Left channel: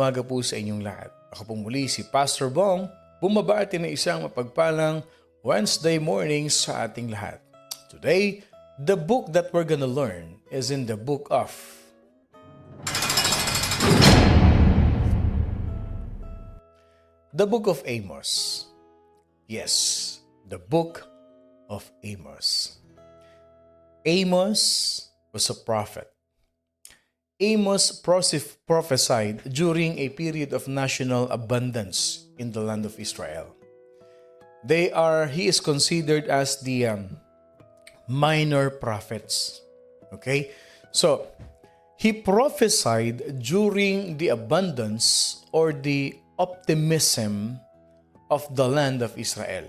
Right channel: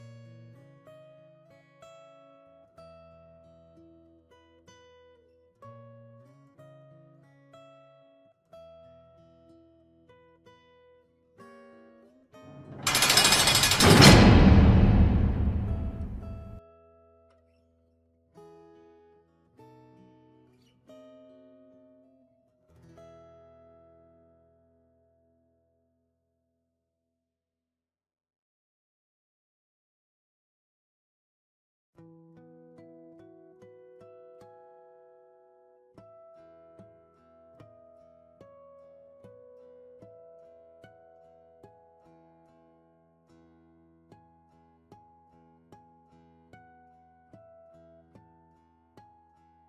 umaga po sa inyong lahat. Ako po muli si Pastor Bong, bumabati ng isang mapagpalang Wednesday morning sa ating lahat. Today, the book that we're gonna learn is in the book of Amos. Yes, the book of Amos. Amos was a prophet. Amos prophesied during a period of national abundance in the land of Israel. He is considered as the minor prophets. Okay? So, he prophesied during the abundance or the optimism of the land of Israel.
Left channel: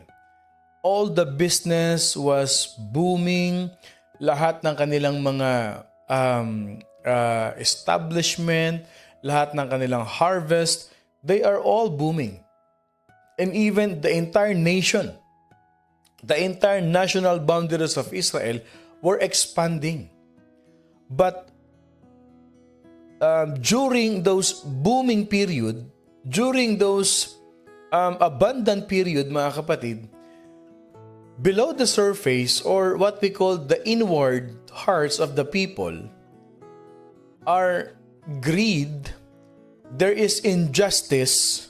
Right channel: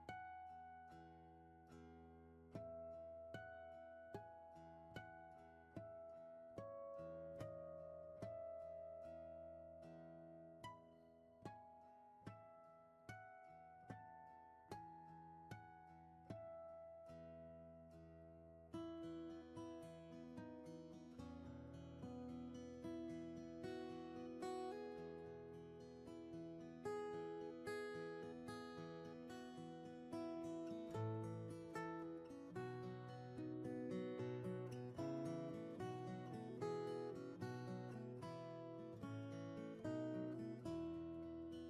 All the business was booming. Lahat ng kanilang mga establishment, lahat ng kanilang harvest, they are all booming. And even the entire nation, the entire national boundaries of Israel were expanding. But during those booming period, during those abundant period, mga kapatid, below the surface, or what we call the inward hearts of the people, are greed, there is injustice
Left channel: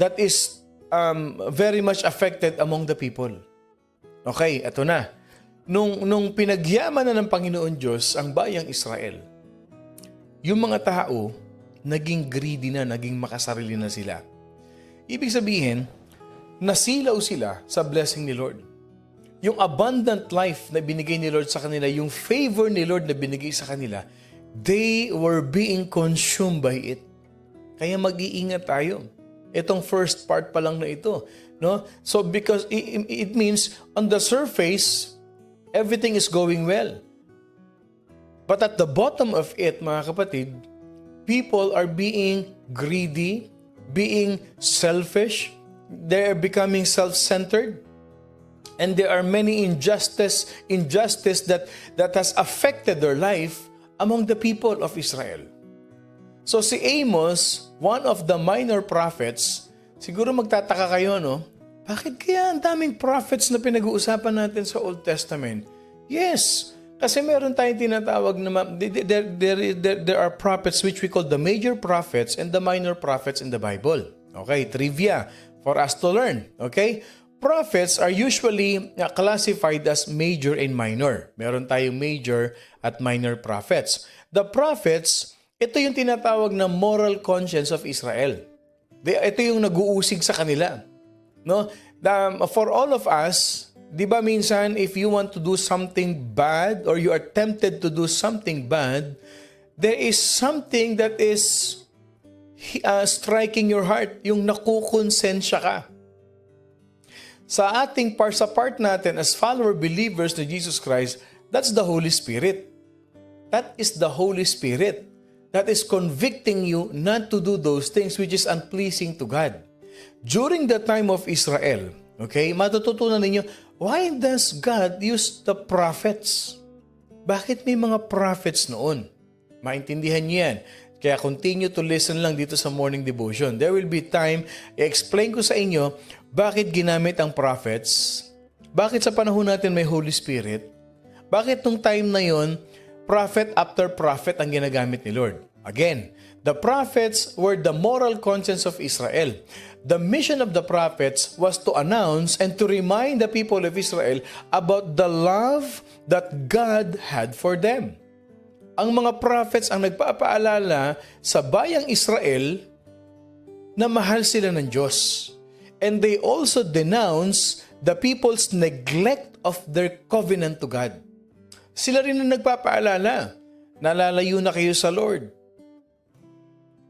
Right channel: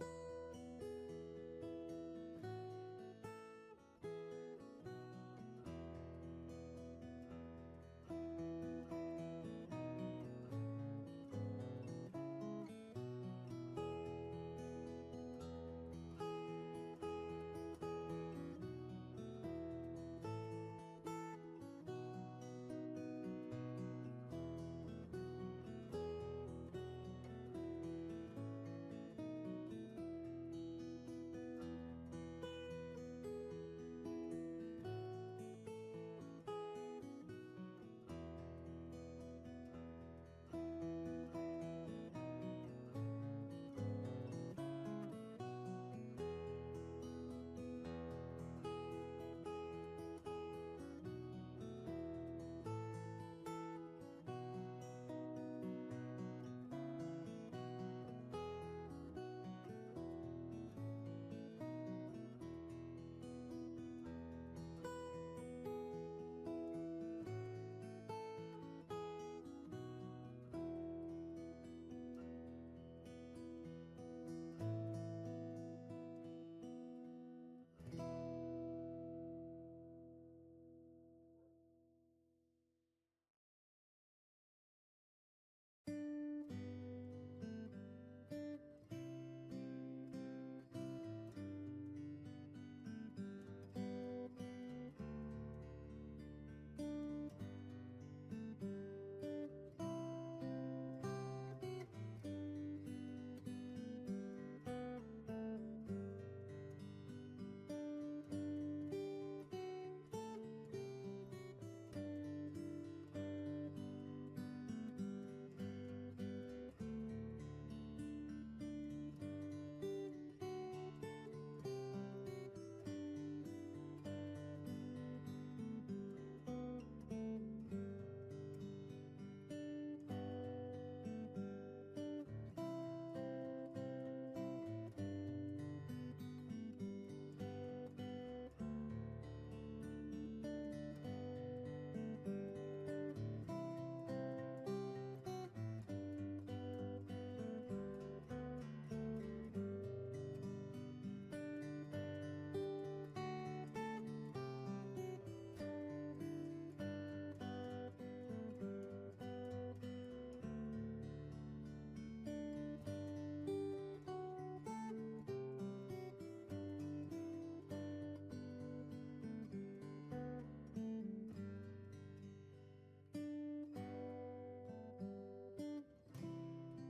that is very much affected among the people. Okay, eto na. Nung pinagyaman na ng Panginoon Diyos ang bayang Israel, yung mga tao, naging greedy na, naging makasarili na sila. Ibig sabihin, nasilaw sila sa blessing ni Lord. Yung abundant life na binigay ni Lord sa kanila, yung favor ni Lord na binigay sa kanila, they were being consumed by it. Kaya mag-iingat tayo. Itong first part pa lang na ito. No? So because it means on the surface, everything is going well. But at the bottom of it, mga kapatid, people are being greedy, being selfish, they're becoming self-centered. And there are many injustice that has affected their life among the people of Israel. So si Amos, one of the minor prophets, siguro magtataka kayo, no? Bakit kaya ang daming prophets na pinag-uusapan natin sa Old Testament? Yes, kasi meron tayong tinatawag na there are prophets which we call the major prophets and the minor prophets in the Bible. Okay, trivia for us to learn. Okay? Prophets are usually classified as major and minor. Meron tayong major at minor prophets. The prophets, ito yung tinatawag na moral conscience of Israel. Ito yung nag-uusig sa kanila. No? For all of us, di ba minsan if you want to do something bad or you are tempted to do something bad, there is something that is striking your heart, yung nakukonsensya ka. Sa part natin as follower believers to Jesus Christ, that's the Holy Spirit. That is the Holy Spirit that is convicting you not to do those things which is unpleasing to God. During the time of Israel, okay, matututunan ninyo, why does God use the prophets? Bakit may mga prophets noon? Maintindihan niyo yan. Kaya continue to listen lang dito sa morning devotion. There will be time, i-explain ko sa inyo bakit ginamit ang prophets, bakit sa panahon natin may Holy Spirit, bakit nung time na yon, prophet after prophet ang ginagamit ni Lord. Again, the prophets were the moral conscience of Israel. The mission of the prophets was to announce and to remind the people of Israel about the love that God had for them. Ang mga prophets ang nagpapaalala sa bayang Israel na mahal sila ng Diyos. And they also denounce the people's neglect of their covenant to God. Sila rin ang nagpapaalala, nalalayo na kayo sa Lord.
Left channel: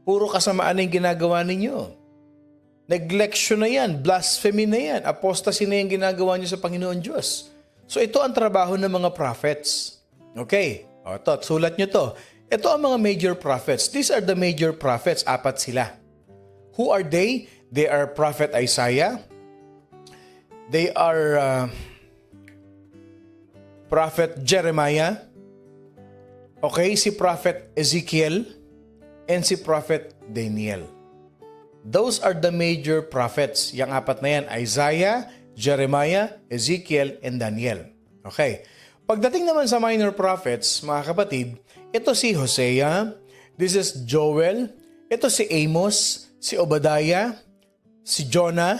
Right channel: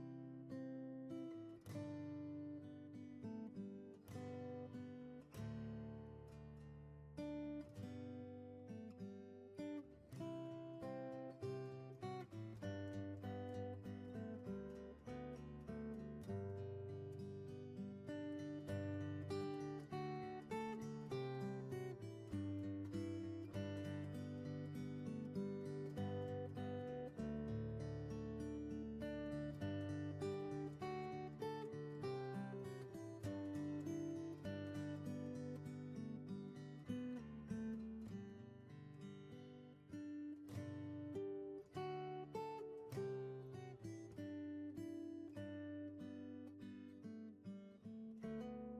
Puro kasamaan na yung ginagawa ninyo. Neglection na yan, blasphemy na yan, apostasy na yung ginagawa niyo sa Panginoon Diyos. So ito ang trabaho ng mga prophets. Okay, sulat nyo to. Ito ang mga major prophets. These are the major prophets, 4 sila. Who are they? They are Prophet Isaiah. They are Prophet Jeremiah. Okay, si Prophet Ezekiel and si Prophet Daniel. Those are the major prophets. Yang apat na yan, Isaiah, Jeremiah, Ezekiel, and Daniel. Okay. Pagdating naman sa minor prophets, mga kapatid, ito si Hosea, this is Joel, ito si Amos, si Obadiah, si Jonah,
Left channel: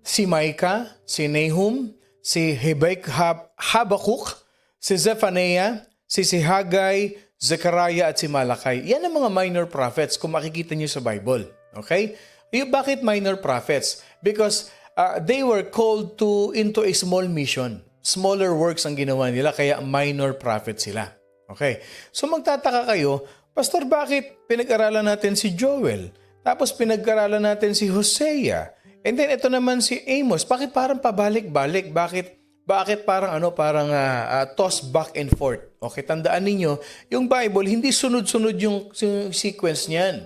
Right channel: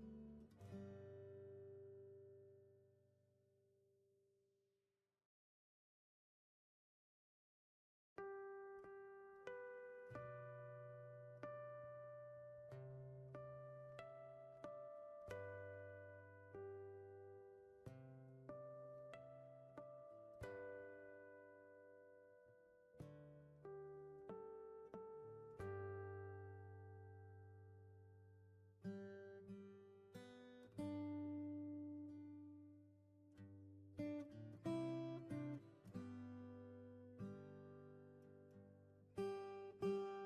si Micah, si Nahum, si Habakkuk, si Zephaniah, si Haggai, Zechariah at si Malachi. Yan ang mga minor prophets kung makikita niyo sa Bible. Okay? Bakit minor prophets? Because they were called into a small mission. Smaller works ang ginawa nila, kaya minor prophets sila. Okay? So magtataka kayo, Pastor, bakit pinag-aralan natin si Joel? Tapos pinag-aralan natin si Hosea. And then ito naman si Amos. Bakit parang pabalik-balik? Bakit parang toss back and forth? Okay, tandaan ninyo, yung Bible, hindi sunod-sunod yung sequence niyan.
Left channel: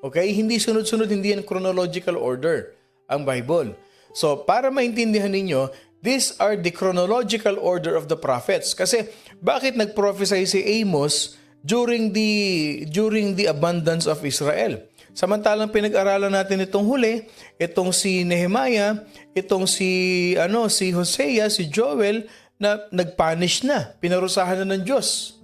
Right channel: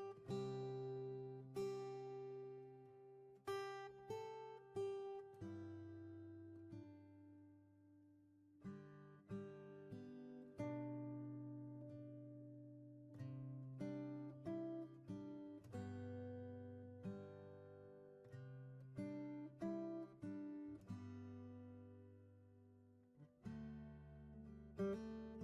Okay? Hindi sunod-sunod, hindi yan chronological order ang Bible. So, para maintindihan ninyo, these are the chronological order of the prophets. Kasi, bakit nag-prophesy si Amos during the abundance of Israel? Samantalang pinag-aralan natin itong huli, itong si Nehemiah, itong si Hosea, si Joel, na nag-punish na, pinarusahan na ng Diyos.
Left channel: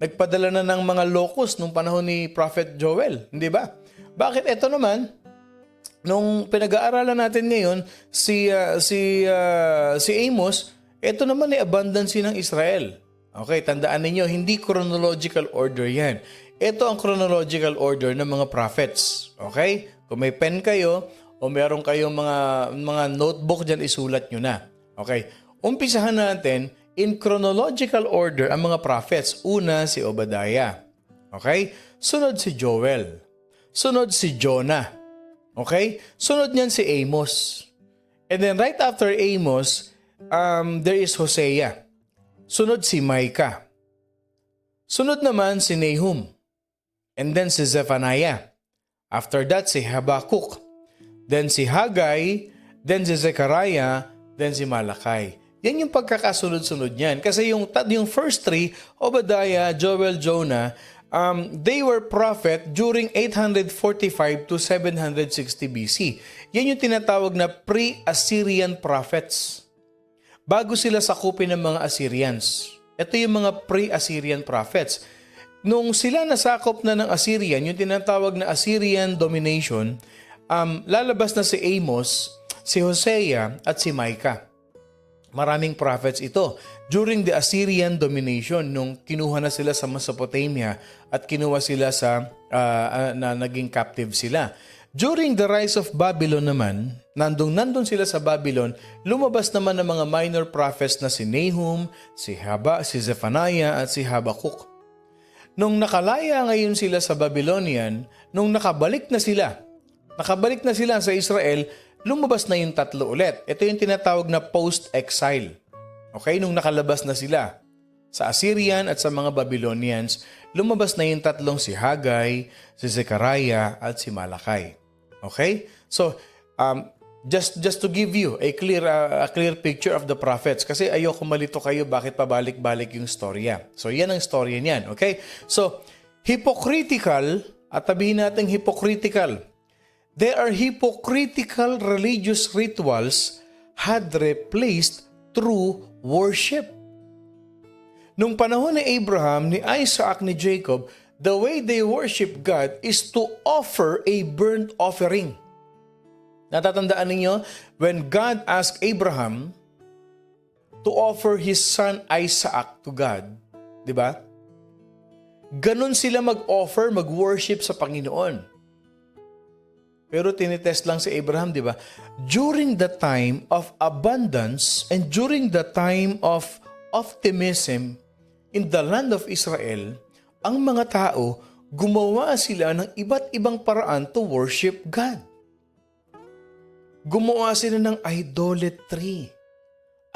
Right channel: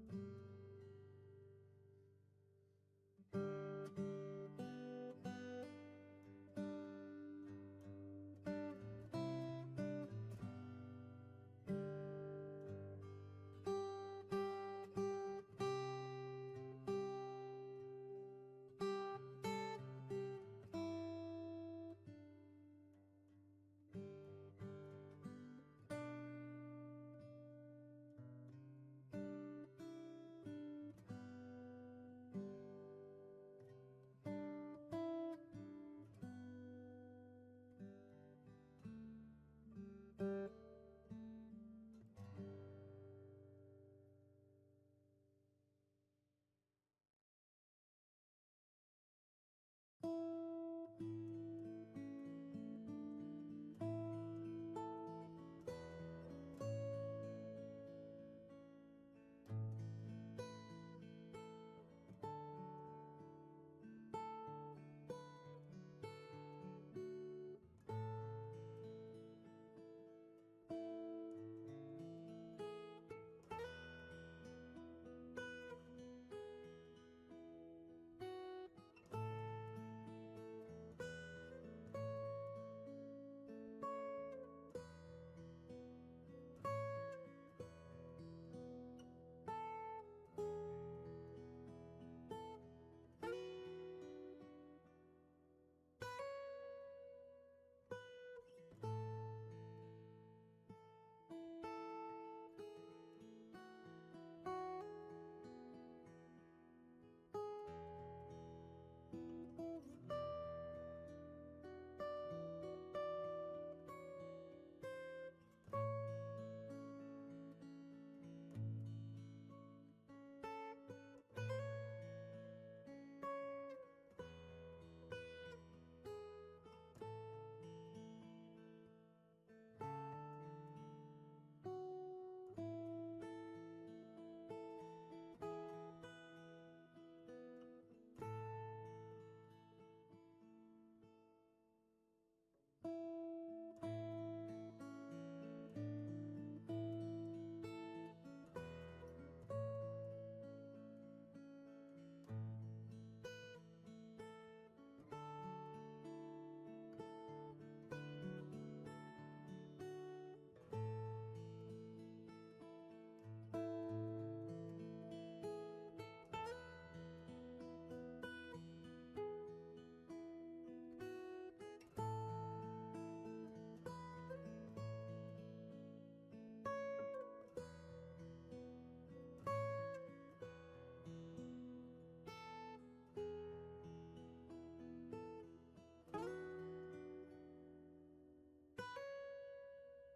Nagpadala na ng mga locust nung panahon ni Prophet Joel, hindi ba? Bakit ito naman, nung pinag-aaralan natin ngayon, si Amos, ito naman ay abundance ng Israel. Okay, tandaan ninyo, hindi chronological order yan. Ito ang chronological order ng mga prophets. Okay? Kung may pen kayo o meron kayong mga notebook dyan, isulat nyo na. Okay? Umpisahan natin in chronological order ang mga prophets. Una, si Obadiah. Okay? Sunod si Joel. Sunod si Jonah. Okay? Sunod niyan si Amos. And then right after Amos, there is Hosea. Sunod si Micah. Sunod naman si Nahum. And then si Zephaniah. After that, si Habakkuk. Then si Haggai. Then si Zechariah. Then si Malachi. Yan yung pagkakasunod-sunod niyan. Kasi yung first three, Obadiah, Joel, Jonah, they were prophet during 845 to 760 BC. Yan yung tinatawag na pre-Assyrian prophets. Bago sila sakupin ng mga Assyrians. Ito yung mga pre-Assyrian prophets. Nung sila nasakop na ng Assyrian, yung tinatawag na Assyrian domination, lalabas na si Amos, si Hosea, at si Micah. Maraming prophets ito. During the Assyrian domination, nung kinuha na sila sa Mesopotamia at kinuha sila na naging captive sila. During the rise of Babylon naman, nandun sila sa Babylon, lumabas naman ng mga minor prophets na si Nahum, si Zephaniah, at si Habakkuk. Nung nakalaya ngayon sila sa Babylonian, nung nakabalik na sila sa Israel, lumabas na yung tatlo ulit. Ito yung tinatawag na post-exile. Okay? Nung nakalabas na sila sa Assyrian at sa mga Babylonians, lumabas na yung tatlong si Haggai, si Zechariah, at si Malachi. Okay? So, just to give you a clear picture of the prophets, kasi ayoko malito kayo bakit pabalik-balik yung storya. So yan ang storya niyan, okay? So hypocritical, at sabihin natin hypocritical. There are hypocritical religious rituals had replaced true worship. Nung panahon ni Abraham, ni Isaac, ni Jacob, the way they worship God is to offer a burnt offering. Natatandaan ninyo, when God asked Abraham to offer his son Isaac to God, di ba? Ganon sila mag-offer, mag-worship sa Panginoon. Pero tinitest lang si Abraham, di ba? During the time of abundance and during the time of optimism in the land of Israel, ang mga tao, gumawa sila ng iba't ibang paraan to worship God. Gumawa sila ng idolatry.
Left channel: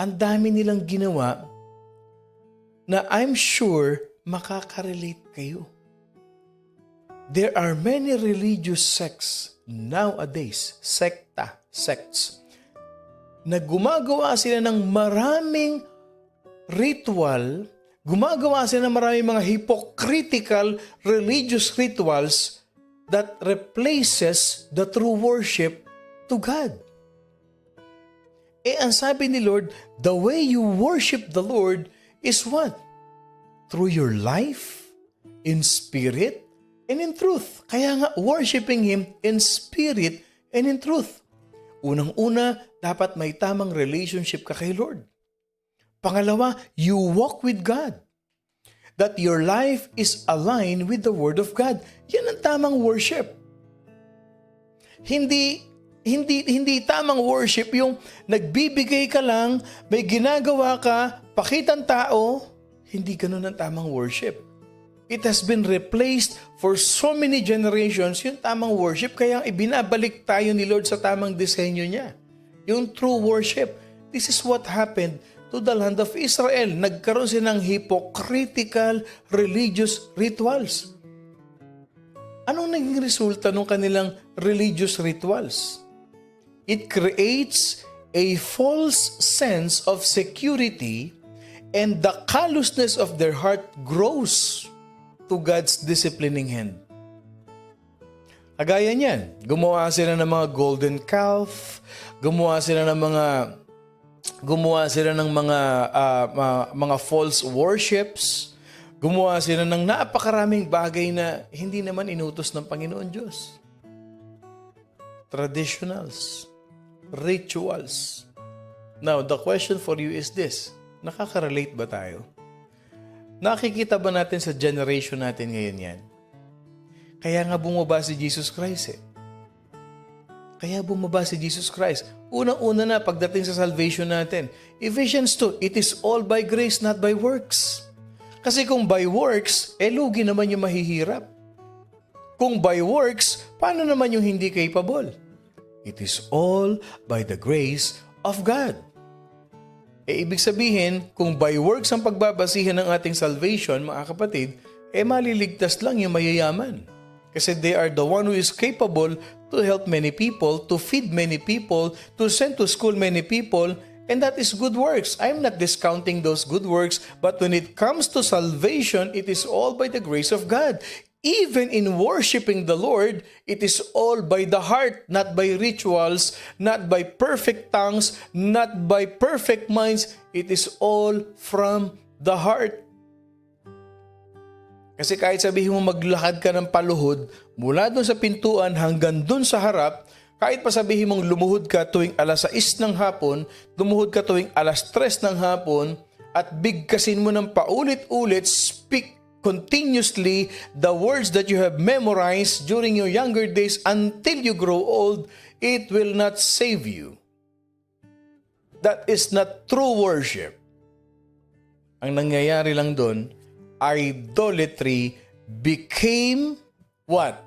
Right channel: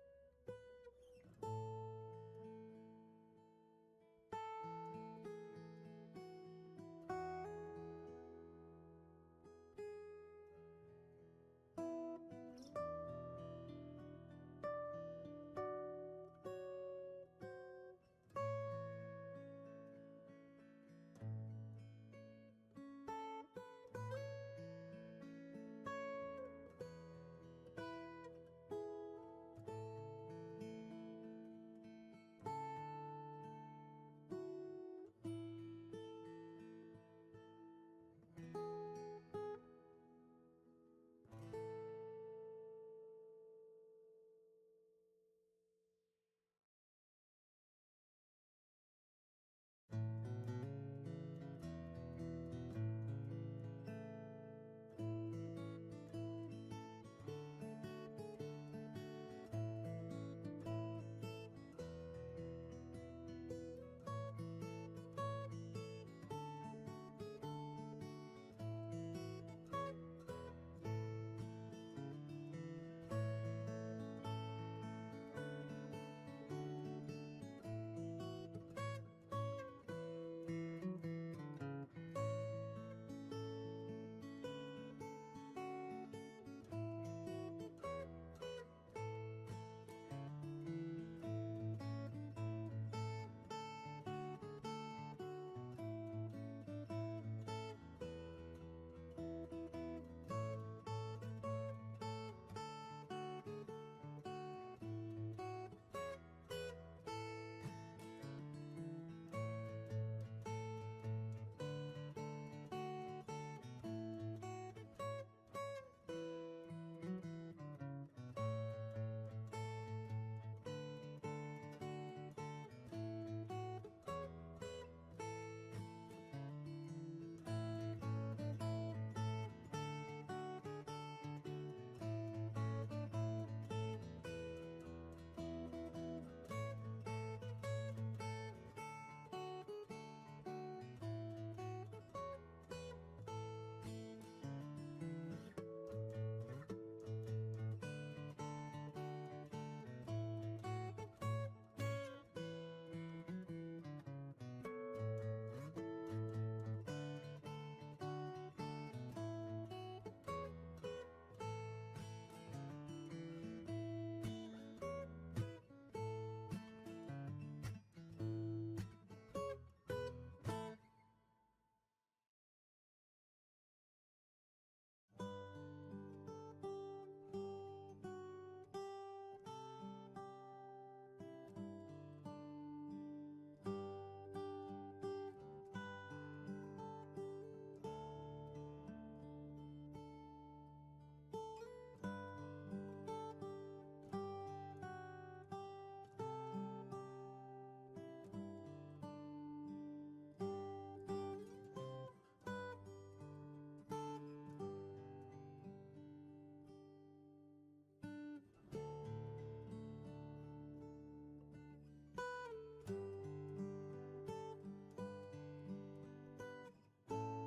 Ang dami nilang ginawa na I'm sure makaka-relate kayo. There are many religious sects nowadays, sects, na gumagawa sila ng maraming ritual, gumagawa sila ng maraming mga hypocritical religious rituals that replaces the true worship to God. Ang sabi ni Lord, the way you worship the Lord is what? Through your life, in spirit, and in truth. Kaya nga, worshiping Him in spirit and in truth. Unang-una, dapat may tamang relationship ka kay Lord. Pangalawa, you walk with God. That your life is aligned with the Word of God. Yan ang tamang worship. Hindi tamang worship yung nagbibigay ka lang, may ginagawa ka, pakitang tao. Hindi ganun ang tamang worship. It has been replaced for so many generations yung tamang worship, kaya ibinabalik tayo ni Lord sa tamang disenyo niya. Yung true worship. This is what happened to the land of Israel. Nagkaroon sila ng hypocritical religious rituals. Anong naging resulta ng kanilang religious rituals? It creates a false sense of security, and the callousness of their heart grows to God's disciplining hand. Kagaya niyan, gumawa sila ng mga golden calf, gumawa sila ng mga false worships, gumawa sila ng napakaraming bagay na hindi naman inutos ng Panginoon Diyos. Traditionals, rituals. Now, the question for you is this: nakaka-relate ba tayo? Nakikita ba natin sa generation natin ngayon yan? Kaya nga bumaba si Jesus Christ eh. Kaya bumaba si Jesus Christ. Unang-una na pagdating sa salvation natin. Ephesians 2, it is all by grace, not by works. Kasi kung by works, lugi naman yung mahihirap. Kung by works, paano naman yung hindi capable? It is all by the grace of God. Ibig sabihin, kung by works ang pagbabasihan ng ating salvation, mga kapatid, maliligtas lang yung mayayaman. Kasi they are the one who is capable to help many people, to feed many people, to send to school many people, and that is good works. I'm not discounting those good works, but when it comes to salvation, it is all by the grace of God. Even in worshiping the Lord, it is all by the heart, not by rituals, not by perfect tongues, not by perfect minds. It is all from the heart. Kasi kahit sabihin mo maglakad ka ng paluhod, mula doon sa pintuan hanggang doon sa harap, kahit pa sabihin mong lumuhod ka tuwing alas 6 ng hapon, lumuhod ka tuwing alas 3 ng hapon, at bigkasin mo ng paulit-ulit, speak continuously the words that you have memorized during your younger days until you grow old, it will not save you. That is not true worship. Ang nangyayari lang doon, idolatry became what?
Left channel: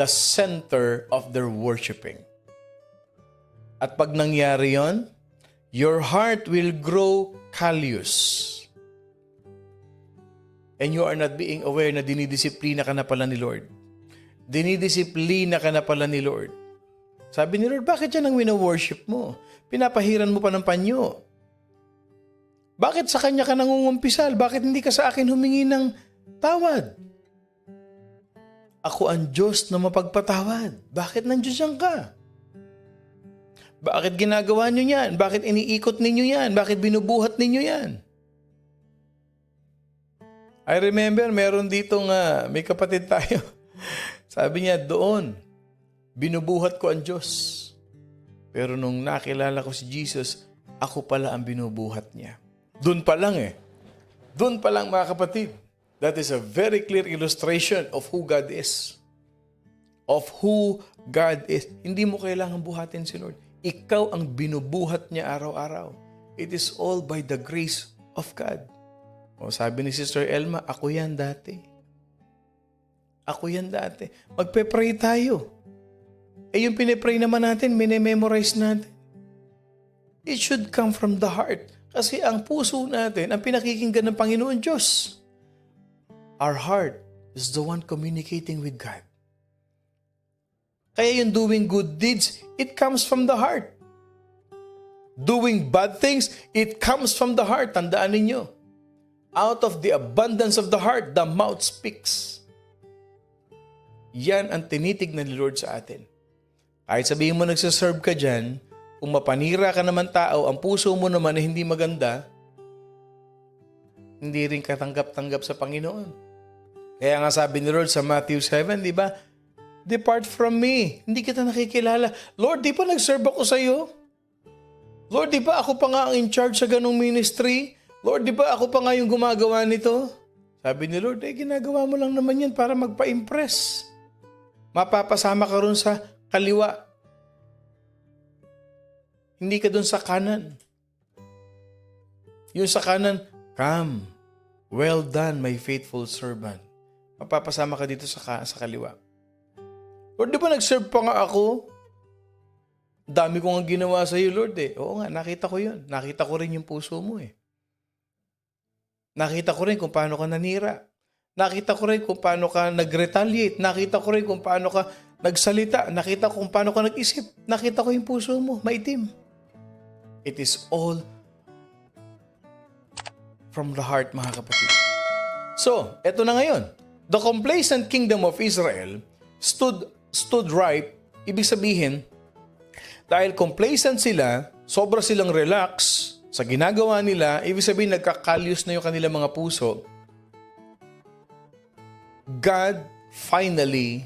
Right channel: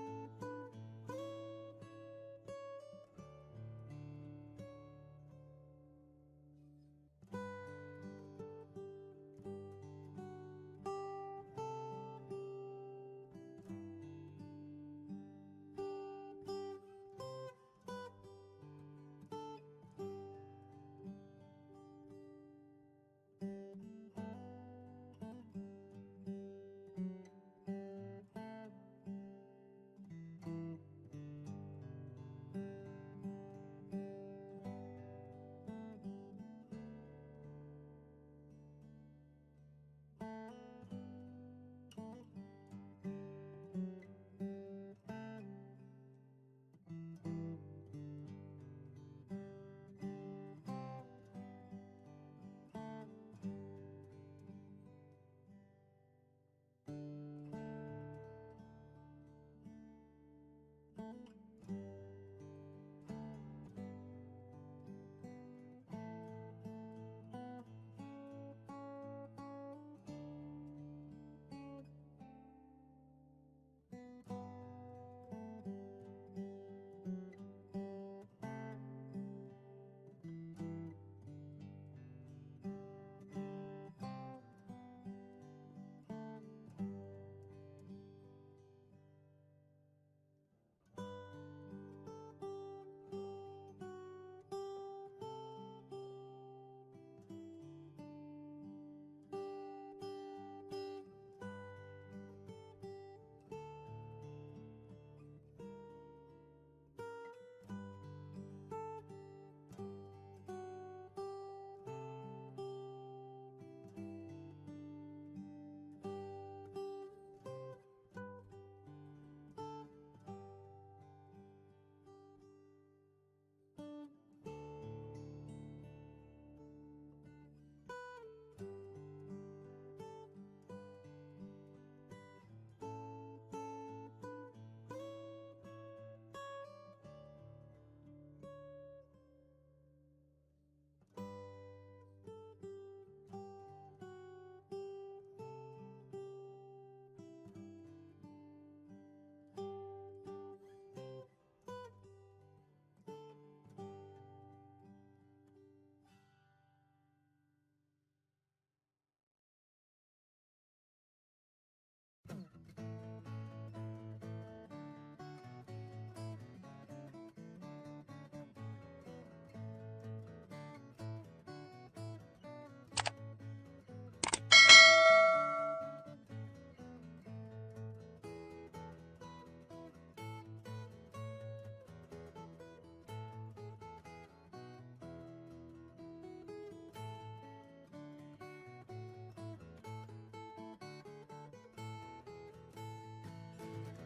The center of their worshiping. At pag nangyari yon, your heart will grow callous. And you are not being aware na dinidisiplina ka na pala ni Lord. Dinidisiplina ka na pala ni Lord. Sabi ni Lord, bakit yan ang wino-worship mo? Pinapahiran mo pa ng panyo. Bakit sa Kanya ka nangungumpisal? Bakit hindi ka sa akin humingi ng tawad? Ako ang Diyos na mapagpatawad. Bakit nandiyan ka? Bakit ginagawa nyo yan? Bakit iniikot ninyo yan? Bakit binubuhat ninyo yan? I remember, meron ditong may kapatid tayo. Sabi niya, doon, binubuhat ko ang Diyos. Pero nung nakilala ko si Jesus, ako pala ang binubuhat niya. Doon pa lang Doon pa lang mga kapatid. That is a very clear illustration of who God is. Of who God is. Hindi mo kailangan buhatin si Lord. Ikaw ang binubuhat niya araw-araw. It is all by the grace of God. O sabi ni Sister Elma, ako yan dati. Ako yan dati. Magpe-pray tayo. Yung pinipray naman natin, minememorize natin. It should come from the heart. Kasi ang puso natin, ang pinakikinggan ng Panginoon Diyos. Our heart is the one communicating with God. Kaya yung doing good deeds, it comes from the heart. Doing bad things, it comes from the heart. Tandaan ninyo. Out of the abundance of the heart, the mouth speaks. Yan ang tinitignan ni Lord sa atin. Kahit sabihin mo nagsaserve ka dyan, kung mapanira ka naman tao, ang puso mo naman na hindi maganda, hindi rin katanggap-tanggap sa Panginoon. Kaya nga sabi ni Lord sa Matthew 7, di ba? Depart from me. Hindi kita nakikilala. Lord, di ba nag-serve ako sa iyo? Lord, di ba ako pa nga ang in charge sa ganong ministry? Lord, di ba ako pa nga yung gumagawa nito? Sabi ni Lord, ginagawa mo lang naman yan para magpa-impress. Mapapasama ka ron sa kaliwa. Hindi ka dun sa kanan. Yung sa kanan, come, well done, my faithful servant. Mapapasama ka dito sa kaliwa. Lord, di ba nag-serve pa nga ako? Dami ko nga ginawa sa iyo, Lord eh. Oo nga, nakita ko yun. Nakita ko rin yung puso mo eh. Nakita ko rin kung paano ka nanira. Nakita ko rin kung paano ka nag-retaliate. Nakita ko rin kung paano ka nagsalita. Nakita ko kung paano ka nag-isip. Nakita ko yung puso mo, maitim. It is all from the heart, mga kapatid. So, eto na ngayon. The complacent kingdom of Israel stood ripe. Ibig sabihin, dahil complacent sila, sobra silang relax sa ginagawa nila, ibig sabihin nagkakalyos na yung kanilang mga puso, God finally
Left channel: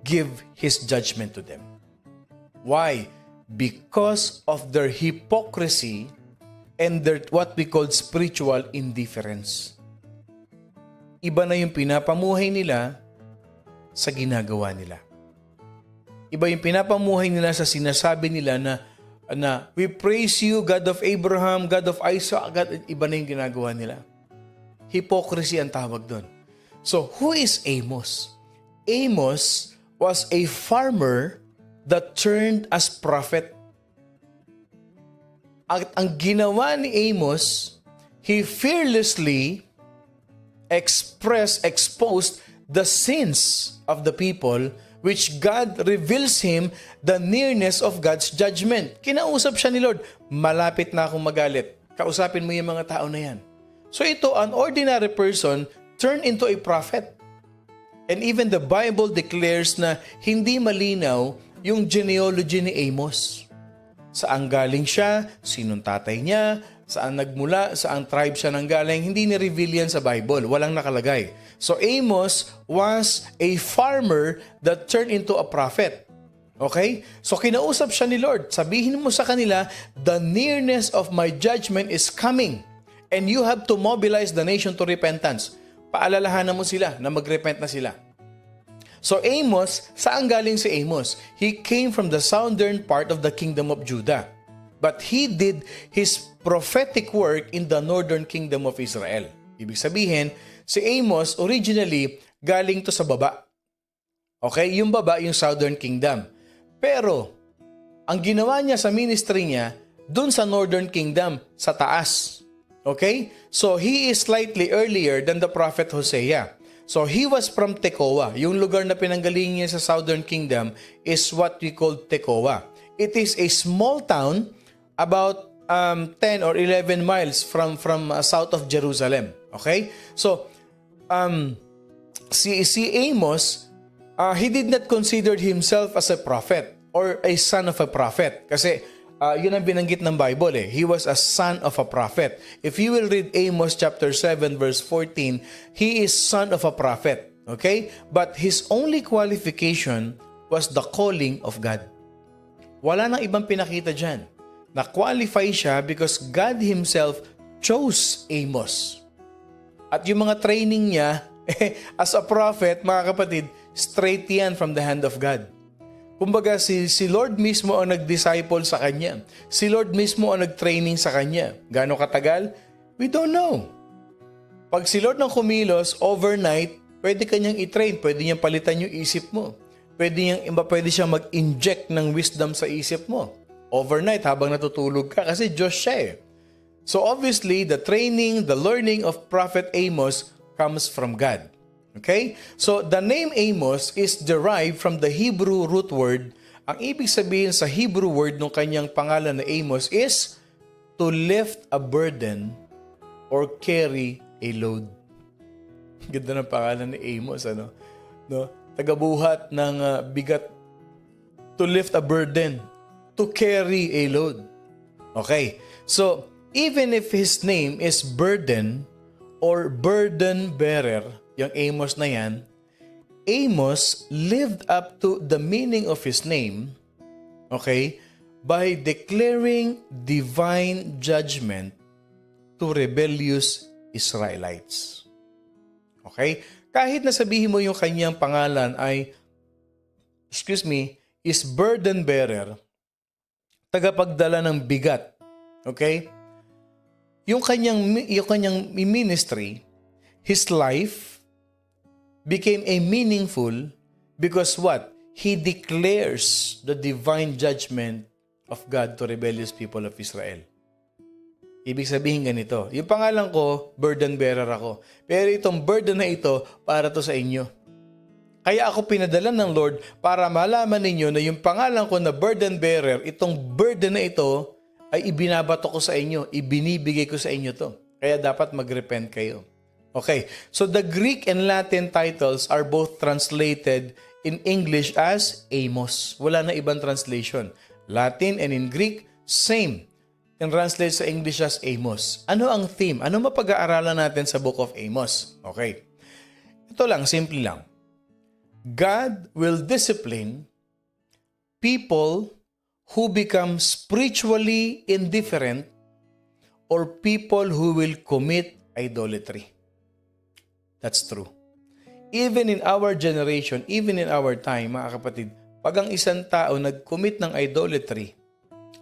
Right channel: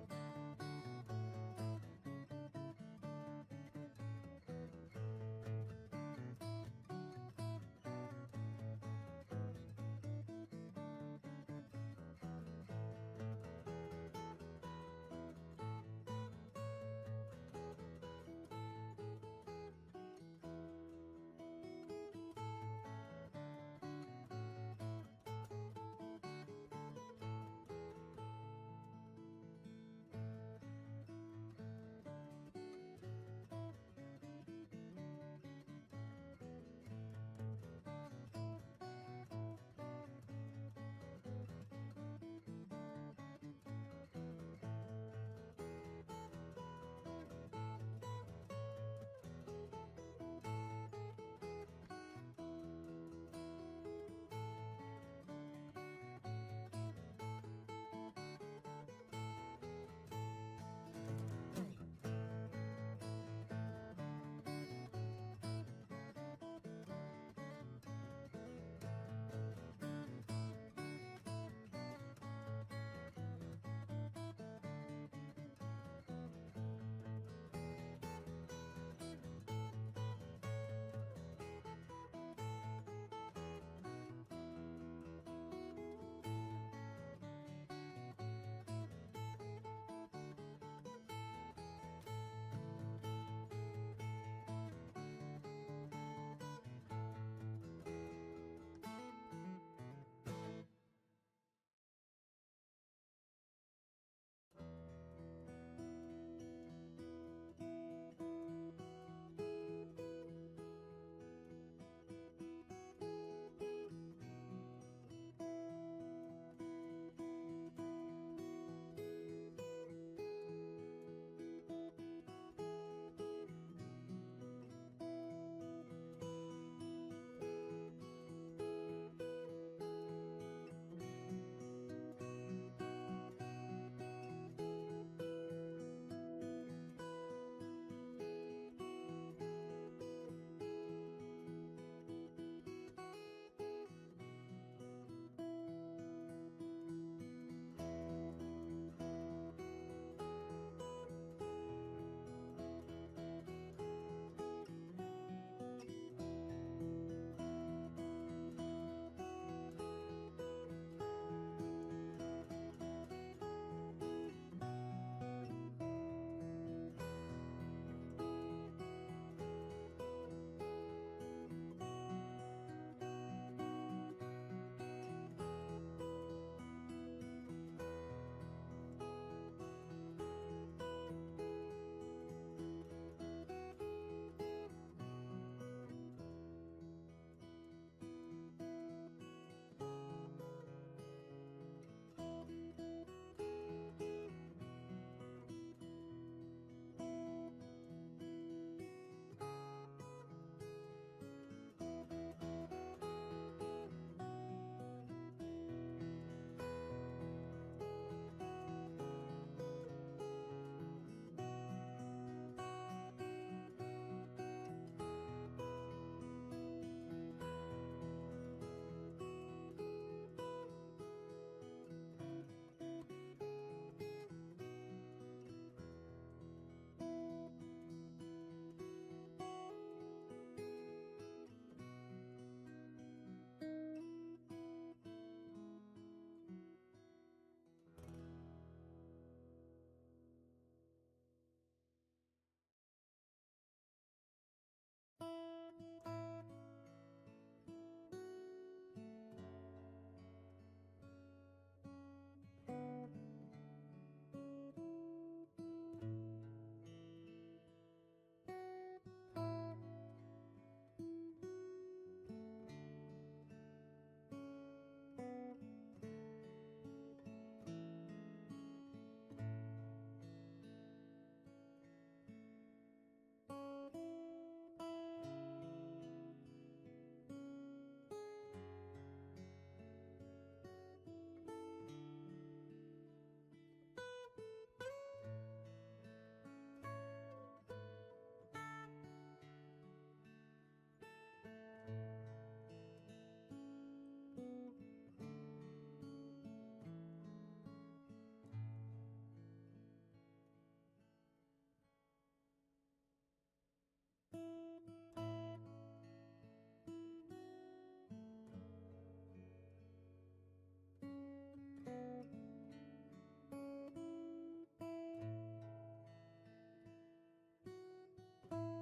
give His judgment to them. Why? Because of their hypocrisy and their what we call spiritual indifference. Iba na yung pinapamuhay nila sa ginagawa nila. Iba yung pinapamuhay nila sa sinasabi nila na we praise you, God of Abraham, God of Isaac. Iba na yung ginagawa nila. Hypocrisy ang tawag doon. So, who is Amos? Amos was a farmer that turned as prophet. Ang ginawa ni Amos, he fearlessly exposed the sins of the people, which God reveals him the nearness of God's judgment. Kinausap siya ni Lord, malapit na akong magalit. Kausapin mo yung mga tao na yan. So ito, an ordinary person turned into a prophet. And even the Bible declares na hindi malinaw yung genealogy ni Amos. Saan galing siya, sinong tatay niya, saan nagmula, saan tribe siya nanggaling, hindi ni-reveal yan sa Bible. Walang nakalagay. So Amos was a farmer that turned into a prophet. Okay? So kinausap siya ni Lord. Sabihin mo sa kanila, the nearness of my judgment is coming. And you have to mobilize the nation to repentance. Paalalahanan mo sila na mag-repent na sila. So Amos, saan galing si Amos? He came from the southern part of the kingdom of Judah. But he did his prophetic work in the northern kingdom of Israel. Ibig sabihin, si Amos originally galing to sa baba. Okay? Yung baba, yung southern kingdom. Pero, ang ginawa niya sa ministry niya, dun sa northern kingdom, sa taas. Okay? So, he is slightly earlier than the prophet Hosea. So, he was from Tekoa. Yung lugar na pinanggaling niya sa southern kingdom is what we call Tekoa. It is a small town about 10 or 11 miles from south of Jerusalem. Okay? So, si Amos, he did not consider himself as a prophet or a son of a prophet. Kasi yun ang binanggit ng Bible eh. He was a son of a prophet. If you will read Amos chapter 7 verse 14, he is son of a prophet. Okay? But his only qualification was the calling of God. Wala nang ibang pinakita dyan. Na-qualify siya because God Himself chose Amos. At yung mga training niya, as a prophet, mga kapatid, straight yan from the hand of God. Kumbaga, si Lord mismo ang nag-disciple sa kanya. Si Lord mismo ang nag-training sa kanya. Gaano katagal? We don't know. Pag si Lord nang kumilos, overnight, pwede kanyang i-train, pwede niyang palitan yung isip mo. Pwede siyang mag-inject ng wisdom sa isip mo. Overnight, habang natutulog ka, kasi Diyos siya eh. So obviously, the training, the learning of Prophet Amos comes from God. Okay? So the name Amos is derived from the Hebrew root word. Ang ibig sabihin sa Hebrew word ng kanyang pangalan na Amos is to lift a burden or carry a load. Ganda ng pangalan ni Amos, ano? No? Tagabuhat ng bigat, to lift a burden, to carry a load. Okay. So, even if his name is burden or burden bearer, yung Amos na yan, Amos lived up to the meaning of his name, okay, by declaring divine judgment to rebellious Israelites. Okay? Kahit na sabihin mo yung kanyang pangalan ay, is burden bearer, tagapagdala ng bigat. Okay? Yung kanyang ministry, his life became a meaningful because what? He declares the divine judgment of God to rebellious people of Israel. Ibig sabihin ganito, yung pangalan ko, burden bearer ako. Pero itong burden na ito, para to sa inyo. Kaya ako pinadala ng Lord para malaman ninyo na yung pangalan ko na burden bearer, itong burden na ito ay ibinabato ko sa inyo, ibinibigay ko sa inyo to. Kaya dapat mag-repent kayo. Okay, so the Greek and Latin titles are both translated in English as Amos. Wala na ibang translation. Latin and in Greek, same. Can translate sa English as Amos. Ano ang theme? Ano mapag-aaralan natin sa Book of Amos? Okay. Ito lang, simple lang. God will discipline people who become spiritually indifferent or people who will commit idolatry. That's true. Even in our generation, even in our time, mga kapatid, pag ang isang tao nag-commit ng idolatry,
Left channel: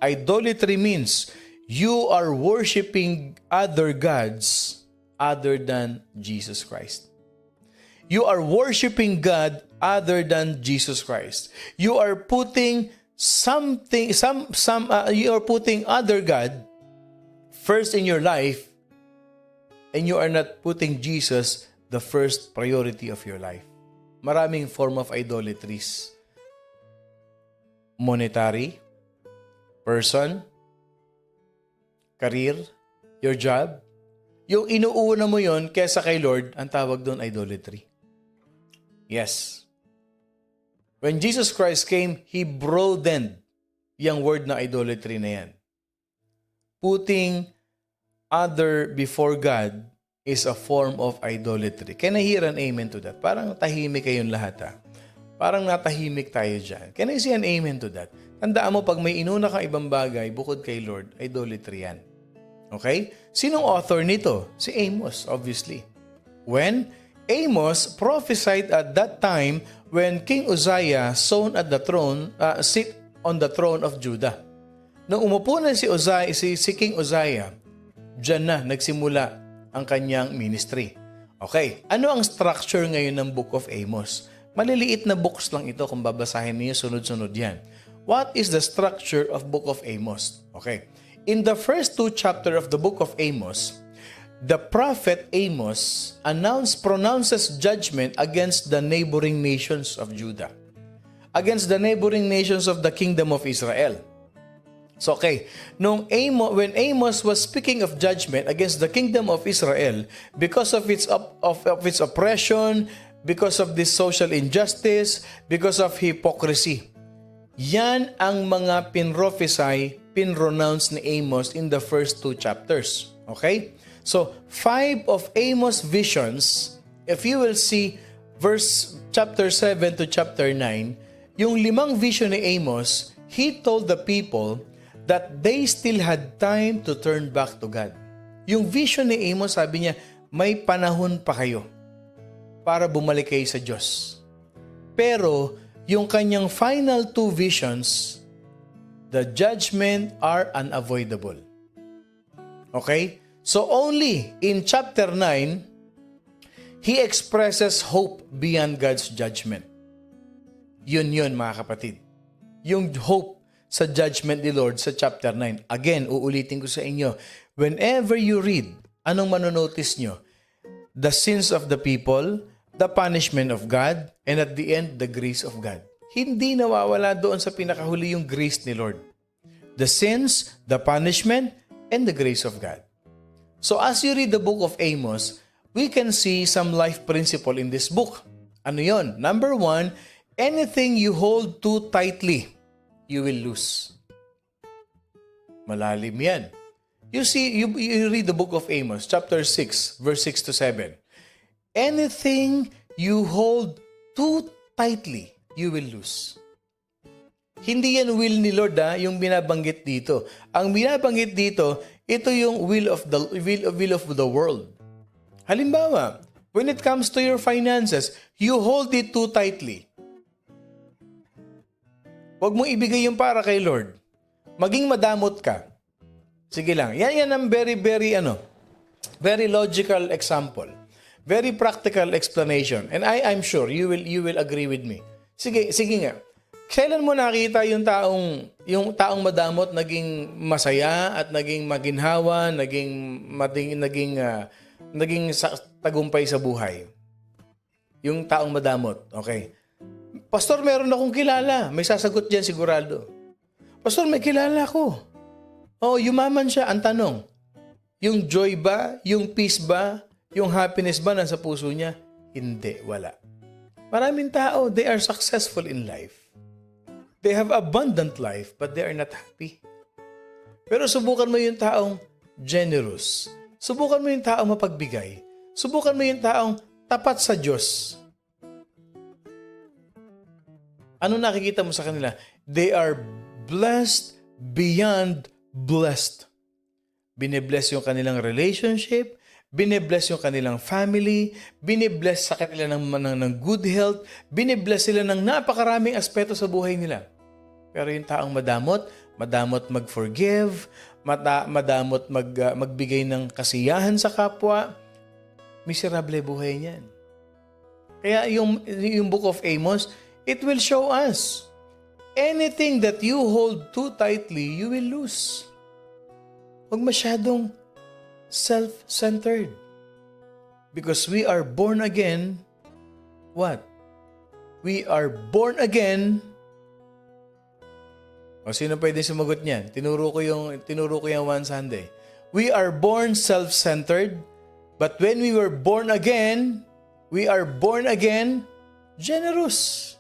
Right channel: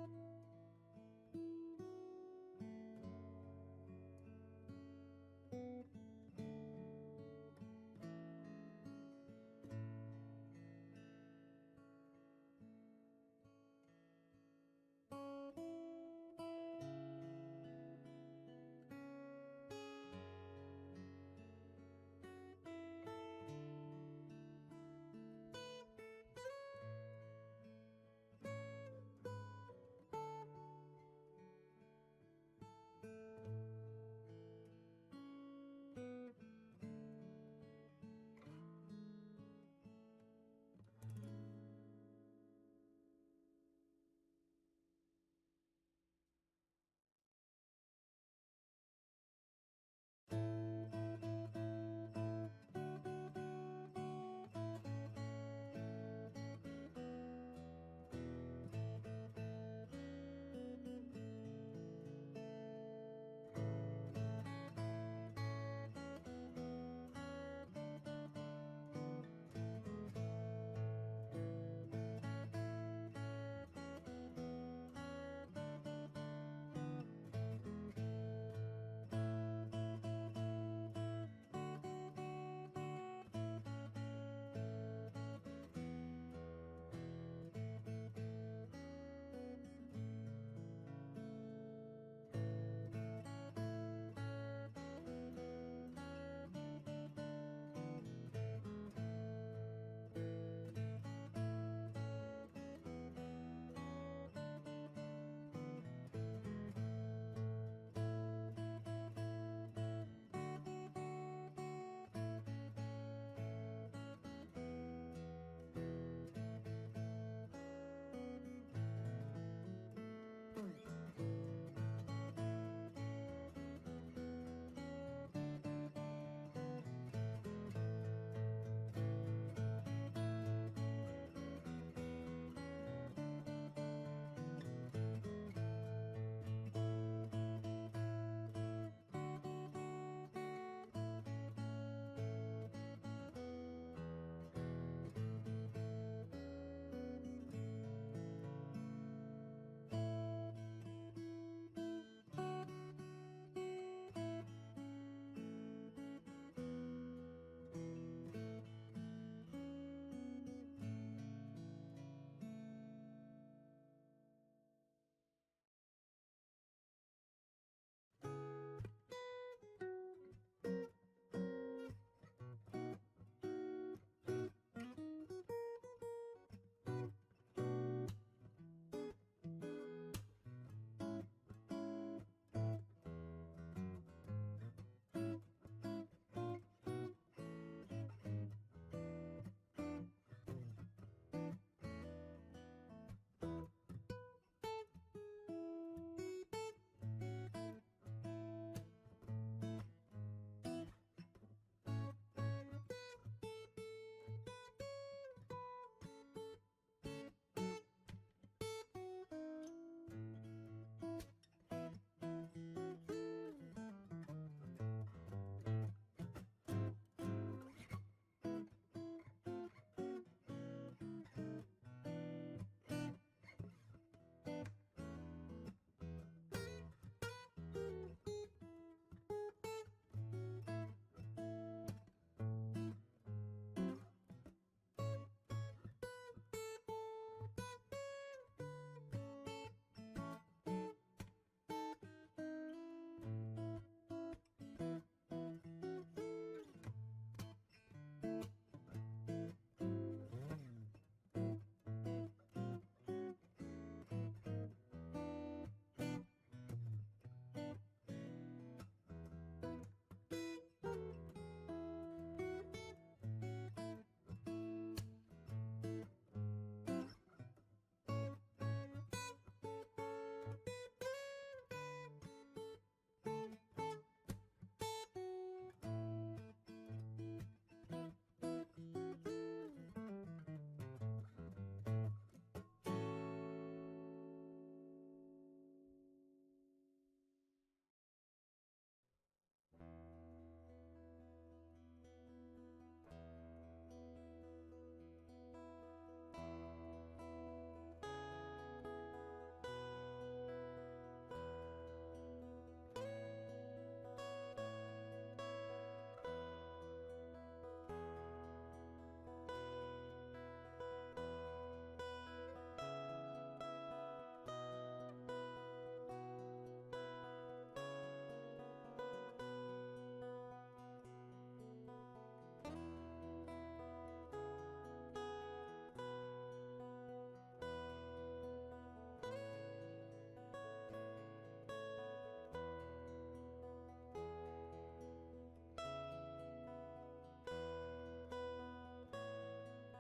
idolatry means you are worshiping other gods other than Jesus Christ. You are worshiping God other than Jesus Christ. You are putting you are putting other God first in your life, and you are not putting Jesus the first priority of your life. Maraming form of idolatries. Monetary, person, career, your job. Yung inuuna mo yon kesa kay Lord, ang tawag doon idolatry. Yes. When Jesus Christ came, He broadened yung word na idolatry na yan. Putting other before God is a form of idolatry. Can I hear an amen to that? Parang tahimik kayong lahat ha. Parang natahimik tayo dyan. Can I see an amen to that? Tandaan mo, pag may inuna kang ibang bagay, bukod kay Lord, idolatry yan. Okay? Sinong author nito? Si Amos, obviously. When Amos prophesied at that time when King Uzziah sit on the throne of Judah. Nung umupo na si King Uzziah, dyan na nagsimula ang kanyang ministry. Okay, ano ang structure ngayon ng Book of Amos? Maliliit na books lang ito kung babasahin niyo sunod-sunod yan. What is the structure of Book of Amos? Okay, in the first 2 chapters of the Book of Amos, the prophet Amos pronounces judgment against the neighboring nations of Judah, against the neighboring nations of the kingdom of Israel. So okay, when Amos was speaking of judgment against the kingdom of Israel because of its oppression, because of this social injustice, because of hypocrisy, yan ang mga pinronounce ni Amos in the first 2 chapters. Okay? So, 5 of Amos' visions, if you will see chapter 7 to chapter 9, yung 5 vision ni Amos, he told the people that they still had time to turn back to God. Yung vision ni Amos, sabi niya, may panahon pa kayo para bumalik kayo sa Diyos. Pero, yung kanyang final 2 visions, the judgment are unavoidable. Okay? So only in chapter 9, he expresses hope beyond God's judgment. Yun mga kapatid. Yung hope sa judgment ni Lord sa chapter 9. Again, uulitin ko sa inyo, whenever you read, anong manonotice nyo? The sins of the people, the punishment of God, and at the end, the grace of God. Hindi nawawala doon sa pinakahuli yung grace ni Lord. The sins, the punishment, and the grace of God. So as you read the book of Amos, we can see some life principle in this book. Ano yon? Number 1, anything you hold too tightly, you will lose. Malalim yan. You see, you read the book of Amos, chapter 6, verse 6 to 7. Anything you hold too tightly, you will lose. Hindi yan will ni Lord yung binabanggit dito. Ang binabanggit dito, ito yung will of the world. Halimbawa, when it comes to your finances, you hold it too tightly. Huwag mong ibigay yung para kay Lord. Maging madamot ka. Sige lang. Yan ang very logical example. Very practical explanation. And I'm sure you will agree with me. Sige nga. Kailan mo nakita yung taong madamot naging masaya at naging maginhawa, naging tagumpay sa buhay? Yung taong madamot, okay? Pastor, meron akong kilala. May sasagot diyan sigurado. Pastor, may kilala ko. Oh, yumaman siya. Ang tanong, yung joy ba, yung peace ba, yung happiness ba nasa puso niya? Hindi, wala. Maraming tao, they are successful in life. They have abundant life, but they are not happy. Pero subukan mo yung taong generous. Subukan mo yung taong mapagbigay. Subukan mo yung taong tapat sa Diyos. Ano nakikita mo sa kanila? They are blessed beyond blessed. Binibless yung kanilang relationship, binibless yung kanilang family, binibless sa kanila ng good health, binibless sila ng napakaraming aspeto sa buhay nila. Pero yung taong madamot mag-forgive, madamot magbigay ng kasiyahan sa kapwa, miserable buhay niyan. Kaya yung Book of Amos, it will show us, anything that you hold too tightly, you will lose. Huwag masyadong self-centered. Because we are born again, what? We are born again. O sino pwede sumagot niyan? Tinuro ko yung one Sunday. We are born self-centered, but when we were born again, we are born again generous.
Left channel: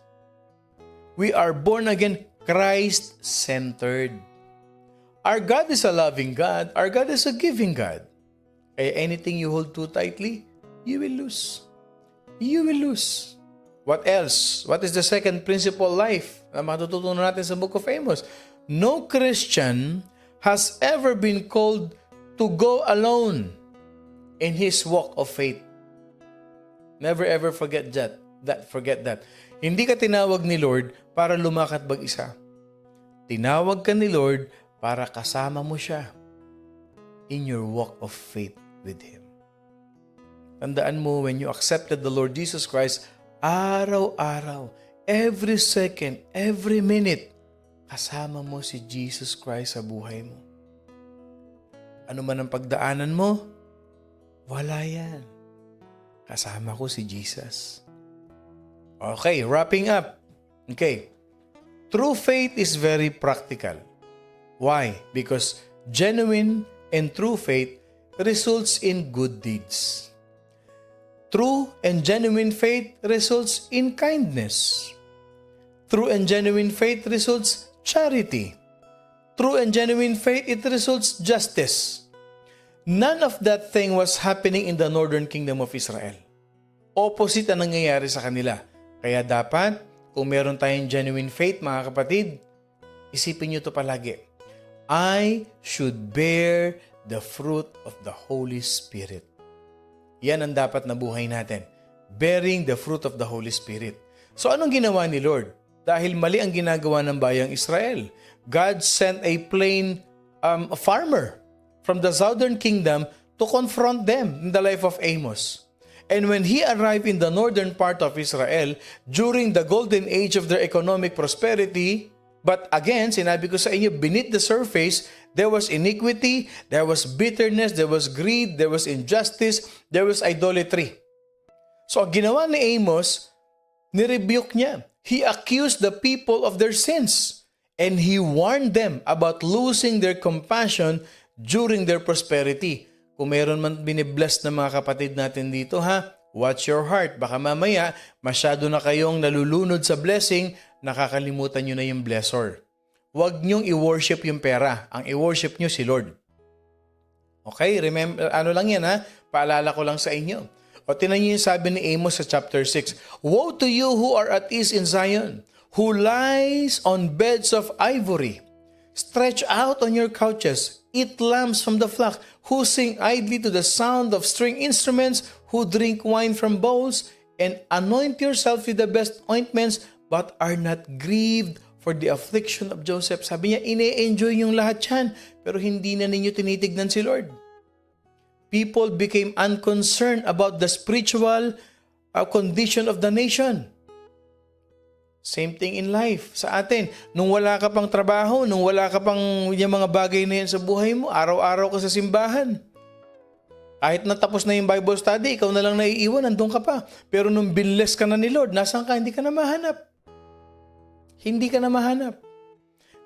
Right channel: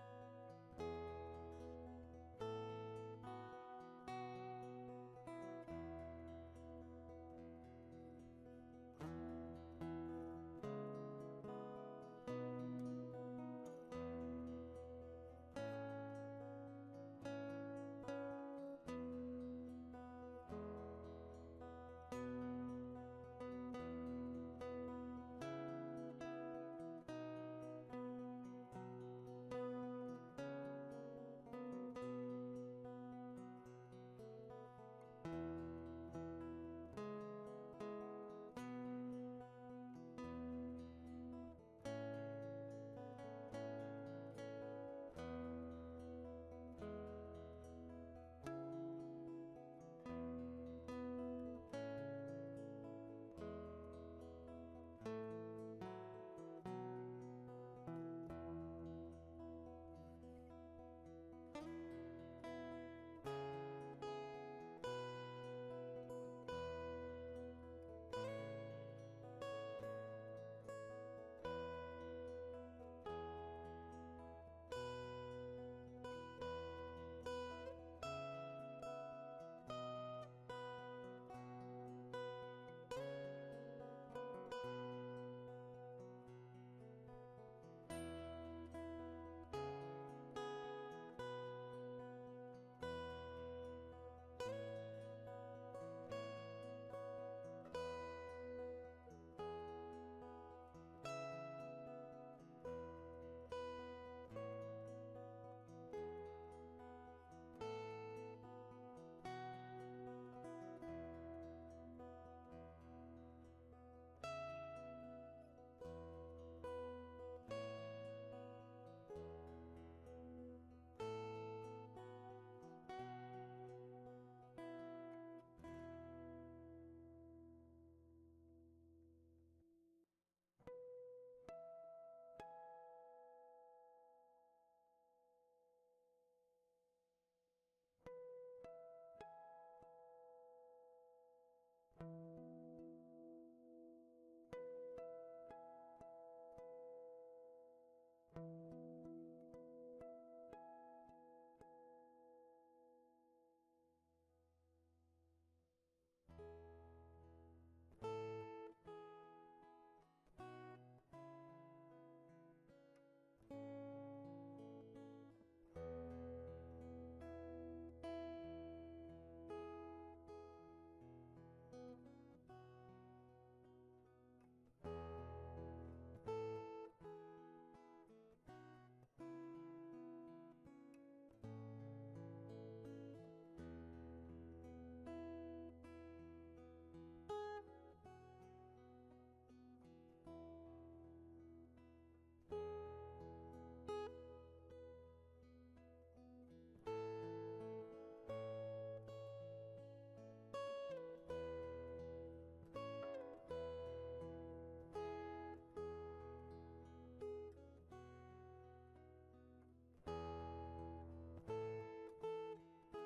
We are born again Christ-centered. Our God is a loving God. Our God is a giving God. Kaya anything you hold too tightly, you will lose. You will lose. What else? What is the second principle life na matututunan natin sa Book of Amos? No Christian has ever been called to go alone in his walk of faith. Never ever forget that. Forget that. Hindi ka tinawag ni Lord para lumakad mag-isa. Tinawag ka ni Lord para kasama mo siya in your walk of faith with Him. Tandaan mo, when you accepted the Lord Jesus Christ, araw-araw, every second, every minute, kasama mo si Jesus Christ sa buhay mo. Ano man ang pagdaanan mo, wala yan. Kasama ko si Jesus. Okay, wrapping up. Okay. True faith is very practical. Why? Because genuine and true faith results in good deeds. True and genuine faith results in kindness. True and genuine faith results charity. True and genuine faith, it results justice. None of that thing was happening in the northern kingdom of Israel. Opposite ang nangyayari sa kanila. Kaya dapat, kung meron tayong genuine faith, mga kapatid, isipin nyo ito palagi. I should bear the fruit of the Holy Spirit. Yan ang dapat na buhay natin. Bearing the fruit of the Holy Spirit. So anong ginawa ni Lord? Dahil mali ang ginagawa ng bayang Israel. God sent a farmer from the southern kingdom to confront them in the life of Amos. And when he arrived in the northern part of Israel, during the golden age of their economic prosperity, but again, sinabi ko sa inyo, beneath the surface, there was iniquity, there was bitterness, there was greed, there was injustice, there was idolatry. So, ang ginawa ni Amos, nirebuke niya. He accused the people of their sins. And he warned them about losing their compassion during their prosperity. Kung meron man binibless na mga kapatid natin dito, ha? Watch your heart. Baka mamaya, masyado na kayong nalulunod sa blessing, nakakalimutan nyo na yung blessor. Huwag nyong i-worship yung pera. Ang i-worship nyo si Lord. Okay? Remember, ano lang yan, ha? Paalala ko lang sa inyo. O tinan nyo yung sabi ni Amos sa chapter 6. Woe to you who are at ease in Zion, who lies on beds of ivory. Stretch out on your couches, eat lambs from the flock, who sing idly to the sound of string instruments, who drink wine from bowls, and anoint yourself with the best ointments, but are not grieved for the affliction of Joseph. Sabi niya, ine-enjoy yung lahat yan, pero hindi na ninyo tinitignan si Lord. People became unconcerned about the spiritual condition of the nation. Same thing in life sa atin. Nung wala ka pang trabaho, nung wala ka pang yung mga bagay na yan sa buhay mo, araw-araw ka sa simbahan. Kahit natapos na yung Bible study, ikaw na lang naiiwan, nandun ka pa. Pero nung binless ka na ni Lord, nasaan ka? Hindi ka na mahanap. Hindi ka na mahanap.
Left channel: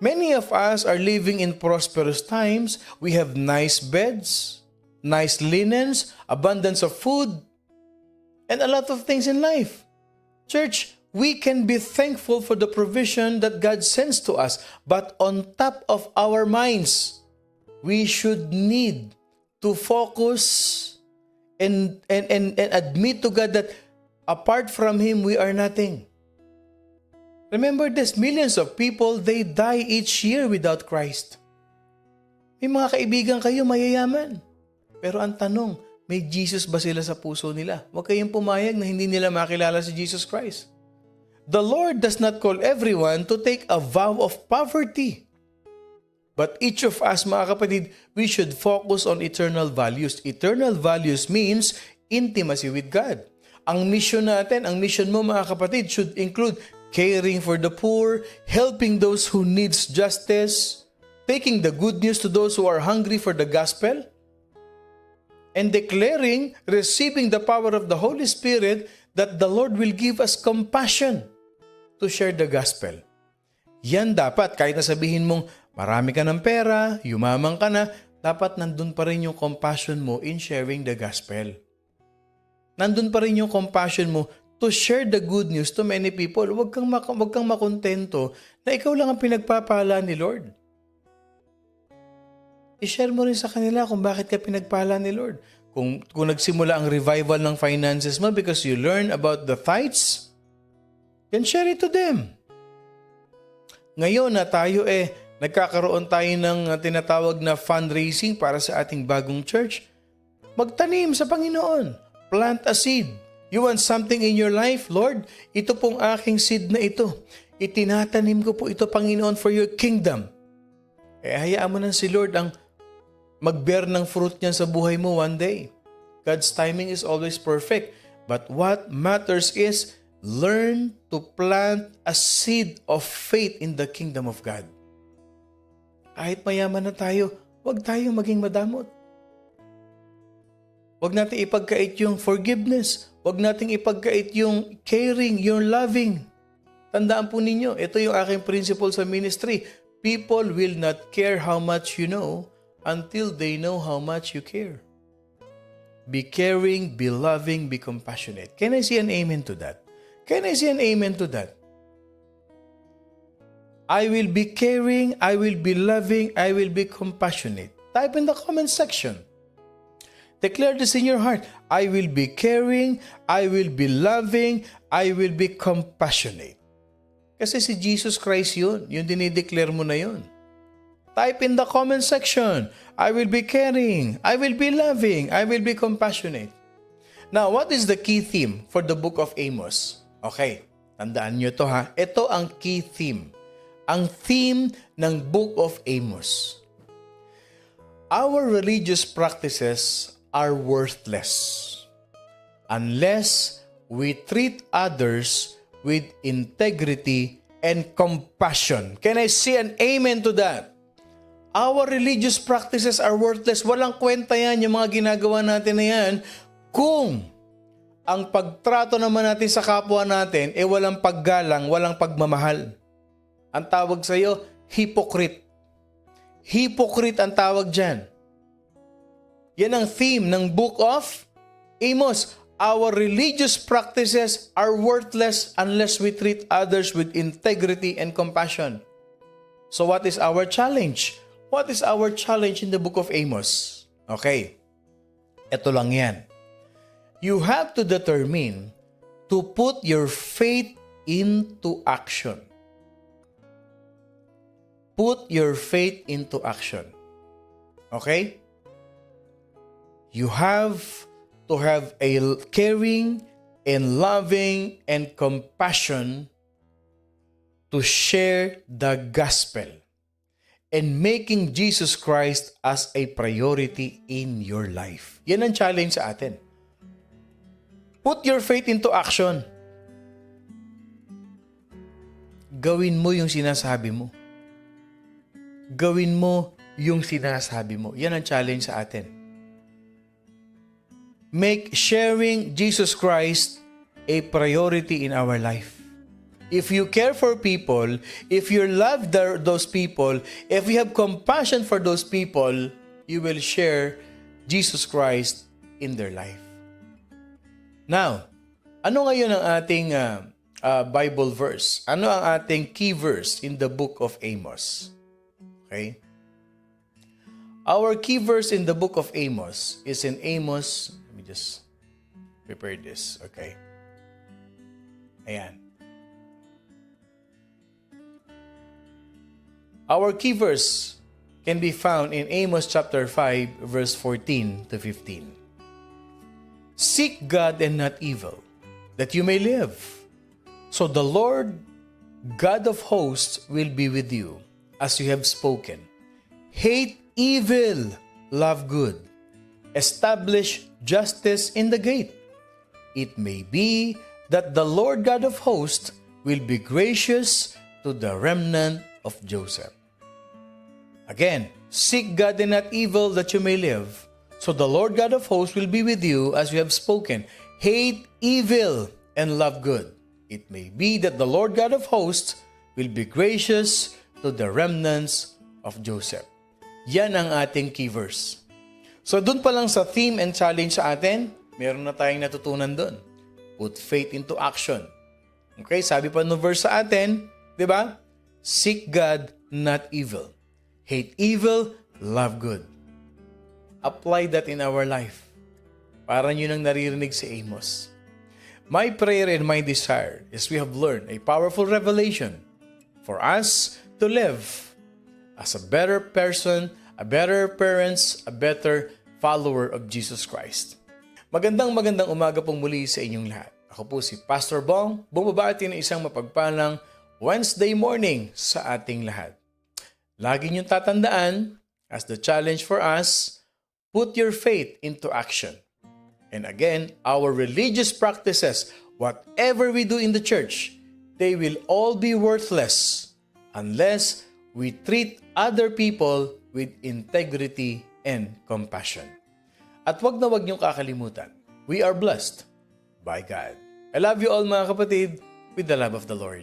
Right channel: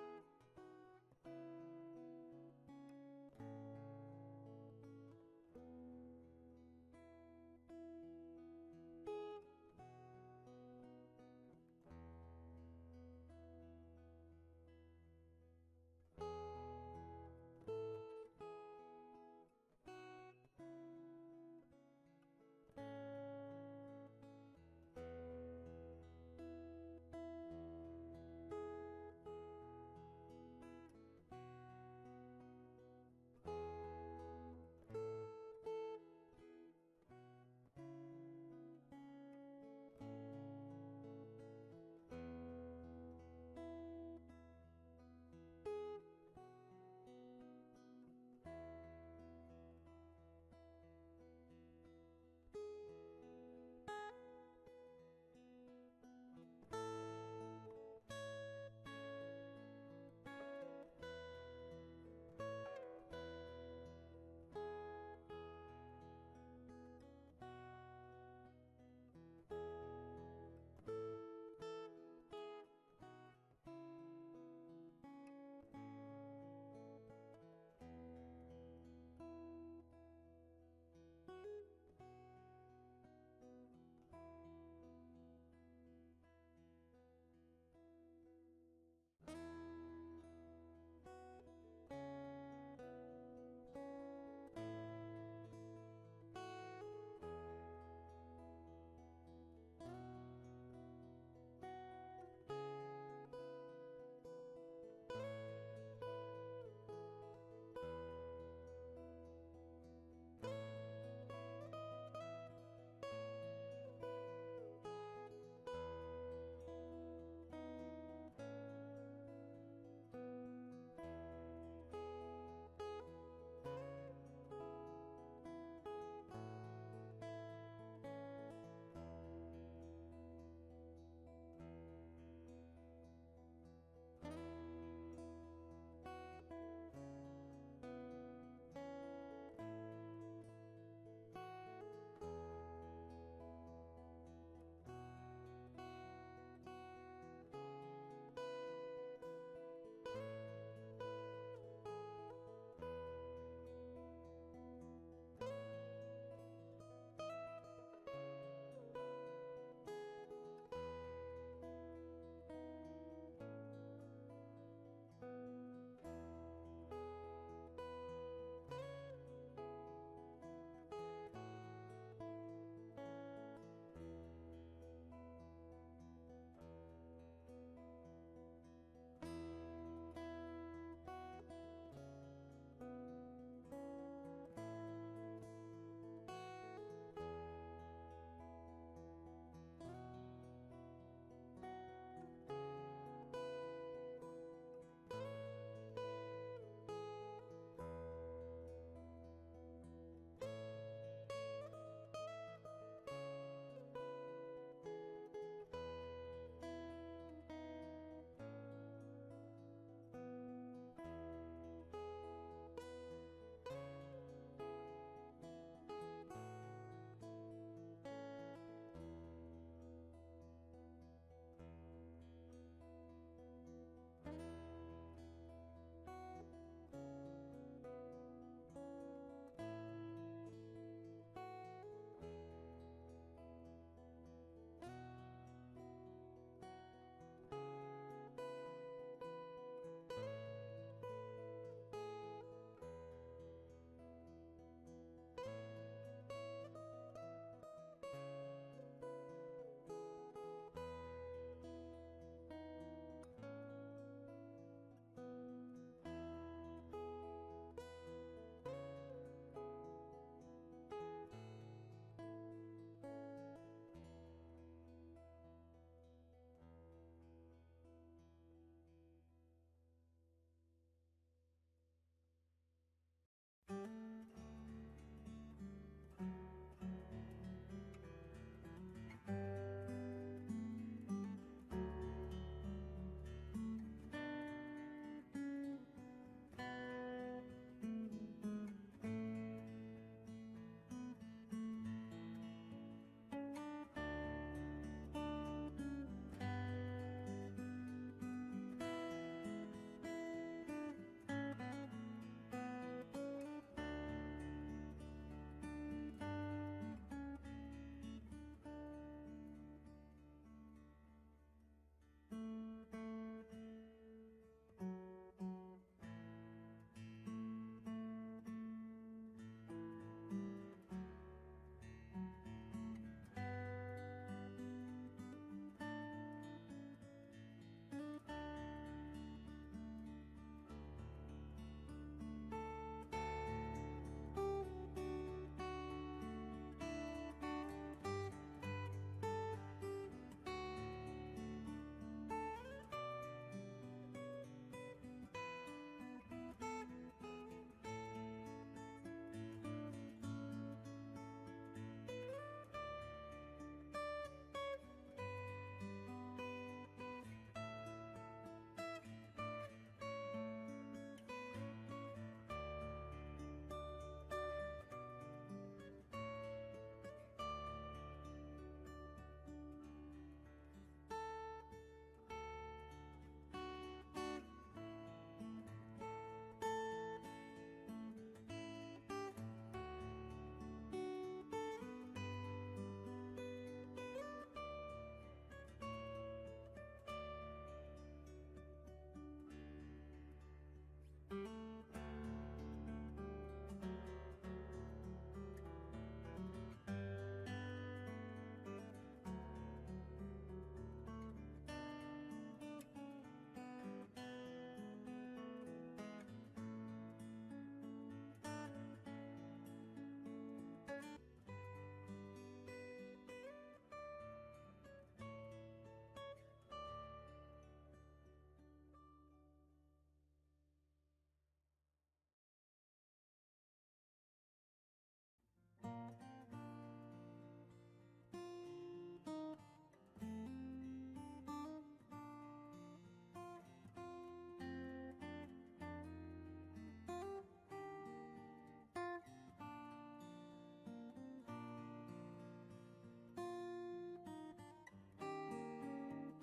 Many of us are living in prosperous times. We have nice beds, nice linens, abundance of food, and a lot of things in life. Church, we can be thankful for the provision that God sends to us, but on top of our minds, we should need to focus and admit to God that apart from Him, we are nothing. Remember this, millions of people, they die each year without Christ. May mga kaibigan kayo mayayaman. Pero ang tanong, may Jesus ba sila sa puso nila? Huwag kayong pumayag na hindi nila makilala si Jesus Christ. The Lord does not call everyone to take a vow of poverty. But each of us, mga kapatid, we should focus on eternal values. Eternal values means intimacy with God. Ang mission natin, ang mission mo, mga kapatid, should include caring for the poor, helping those who needs justice, taking the good news to those who are hungry for the gospel, and declaring, receiving the power of the Holy Spirit that the Lord will give us compassion to share the gospel. Yan dapat, kahit na sabihin mong marami ka ng pera, yumaman ka na, dapat nandun pa rin yung compassion mo in sharing the gospel. Nandun pa rin yung compassion mo to share the good news to many people. Huwag kang makontento na ikaw lang ang pinagpapala ni Lord. I-share mo rin sa kanila kung bakit ka pinagpala ni Lord. Kung nagsimula ang revival ng finances mo because you learn about the tithes, then share it to them. Ngayon na tayo nagkakaroon tayo ng tinatawag na fundraising para sa ating bagong church, magtanim sa Panginoon. Plant a seed. You want something in your life? Lord, ito pong aking seed na ito. Itinatanim ko po ito, Panginoon, for your kingdom. Hayaan mo na si Lord ang mag-bear ng fruit niyan sa buhay mo one day. God's timing is always perfect. But what matters is learn to plant a seed of faith in the kingdom of God. Kahit mayaman na tayo, huwag tayong maging madamot. Huwag natin ipagkait yung forgiveness. Huwag natin ipagkait yung caring, yung loving. Tandaan po ninyo, ito yung aking principle sa ministry. People will not care how much you know until they know how much you care. Be caring, be loving, be compassionate. Can I see an amen to that? Can I see an amen to that? I will be caring, I will be loving, I will be compassionate. Type in the comment section. Declare this in your heart. I will be caring, I will be loving, I will be compassionate. Kasi si Jesus Christ yun. Yung dinideclare mo na yun. Type in the comment section. I will be caring, I will be loving, I will be compassionate. Now, what is the key theme for the book of Amos? Okay, tandaan nyo to ha. Ito ang key theme. Ang theme ng book of Amos. Our religious practices are worthless unless we treat others with integrity and compassion. Can I see an amen to that? Our religious practices are worthless. Walang kwenta yan, yung mga ginagawa natin na yan, kung ang pagtrato naman natin sa kapwa natin, walang paggalang, walang pagmamahal. Ang tawag sa'yo, hypocrite. Hypocrite ang tawag dyan. Yan ang theme ng book of Amos. Our religious practices are worthless unless we treat others with integrity and compassion. So what is our challenge? What is our challenge in the book of Amos? Okay, ito lang yan. You have to determine to put your faith into action. Put your faith into action. Okay? You have to have a caring and loving and compassion to share the gospel and making Jesus Christ as a priority in your life. Yan ang challenge sa atin. Put your faith into action. Gawin mo yung sinasabi mo. Gawin mo yung sinasabi mo. Yan ang challenge sa atin. Make sharing Jesus Christ a priority in our life. If you care for people, if you love those people, if you have compassion for those people, you will share Jesus Christ in their life. Now, ano ngayon ang ating Bible verse? Ano ang ating key verse in the book of Amos? Okay? Our key verse in the book of Amos is in Amos. Let me just prepare this. Okay? Ayan. Our key verse can be found in Amos chapter 5, verse 14 to 15. Seek God and not evil, that you may live. So the Lord, God of hosts, will be with you, as you have spoken. Hate evil, love good. Establish justice in the gate. It may be that the Lord God of hosts will be gracious to the remnant of Joseph. Again, seek God and not evil, that you may live. So the Lord God of hosts will be with you as you have spoken. Hate evil and love good. It may be that the Lord God of hosts will be gracious to the remnants of Joseph. Yan ang ating key verse. So dun pa lang sa theme and challenge sa atin, meron na tayong natutunan dun. Put faith into action. Okay, sabi pa no verse sa atin, di ba? Seek God, not evil. Hate evil, love good. Apply that in our life. Para yun ang naririnig si Amos. My prayer and my desire is we have learned a powerful revelation for us to live as a better person, a better parents, a better follower of Jesus Christ. Magandang umaga pong muli sa inyong lahat. Ako po si Pastor Bong, bumabati ng isang mapagpalang Wednesday morning sa ating lahat. Lagi niyong tatandaan, as the challenge for us, put your faith into action. And again, our religious practices, whatever we do in the church, they will all be worthless unless we treat other people with integrity and compassion. At wag na wag niyong kakalimutan, we are blessed by God. I love you all mga kapatid with the love of the Lord.